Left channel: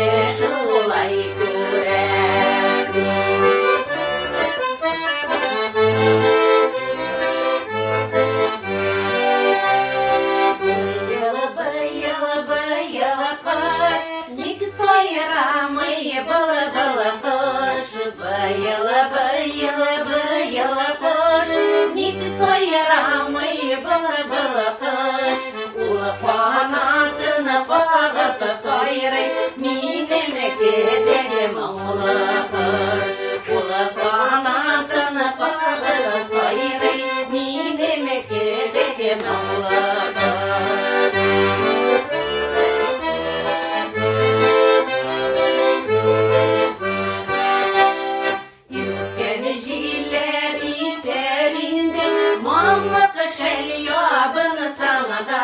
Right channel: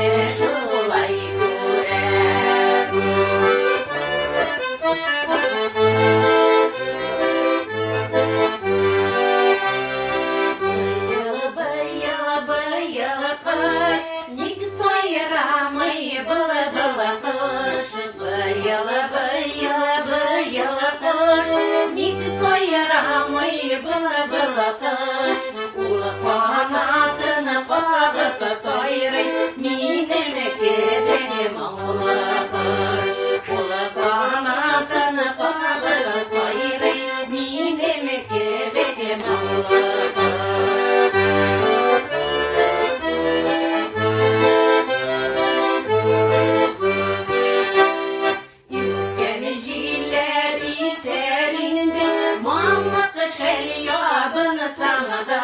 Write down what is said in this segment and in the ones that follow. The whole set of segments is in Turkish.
de şolay görer. Bayıla bayıla kış, nik soyramay bala bala kış. Bayıla bayıla bayıla kış, nik soyramay bala bala kış. Ula kanatını bağıp soyray, mineme gidelim ula kış. Ula kanatını bağıp soyray, mineme gidelim ula kış. İskenecileri serindi, mamlık şeryabını sana da.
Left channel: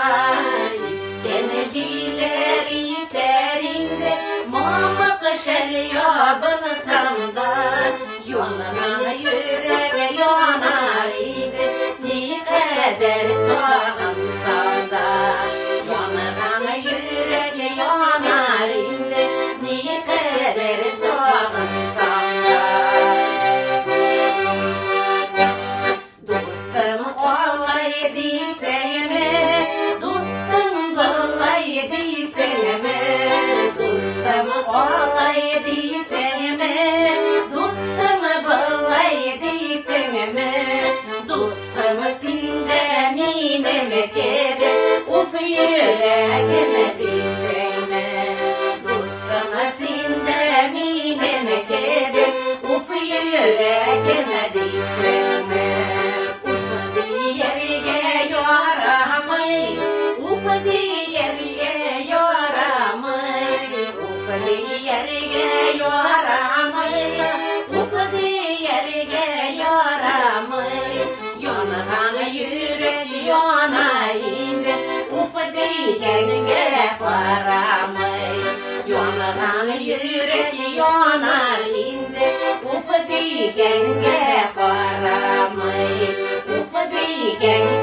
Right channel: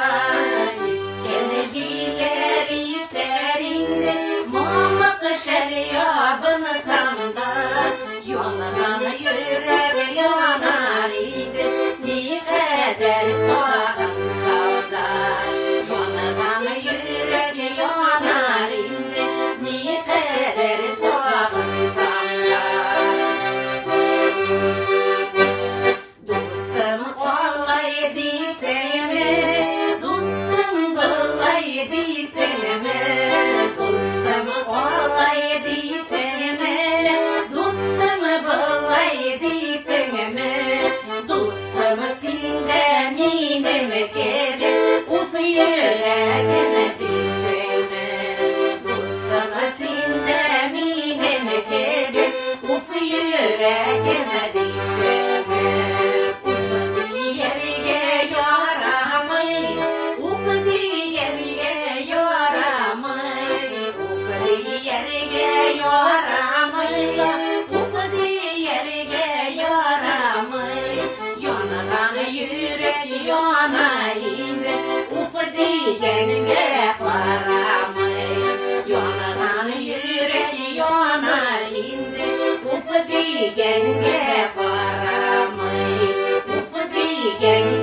İskenecileri serindi, mamlık şeryabını sana da. Yonaran yürek yanar idi, ne kadar sağınsa da. Yonaran yürek yanar idi, ne kadar sağınsa da. Dostum olaydı seneme, dostum olaydı seneme. Dostum olaydı seneme, dostum olaydı seneme. Dostum sinde mineme kebe, uf yüreğime düşene. Dostum sinde mineme kebe, uf yüreğime düşene. Yerge yaramay, ufadi yerge yaramay, ufadi yerge yaramay, ufadi yerge yaramay. Yanaran yürek yanaydı, ufadi yerge yaramay. Yanaran yürek yanaydı, ufadi yerge yaramay. Ufadi yerge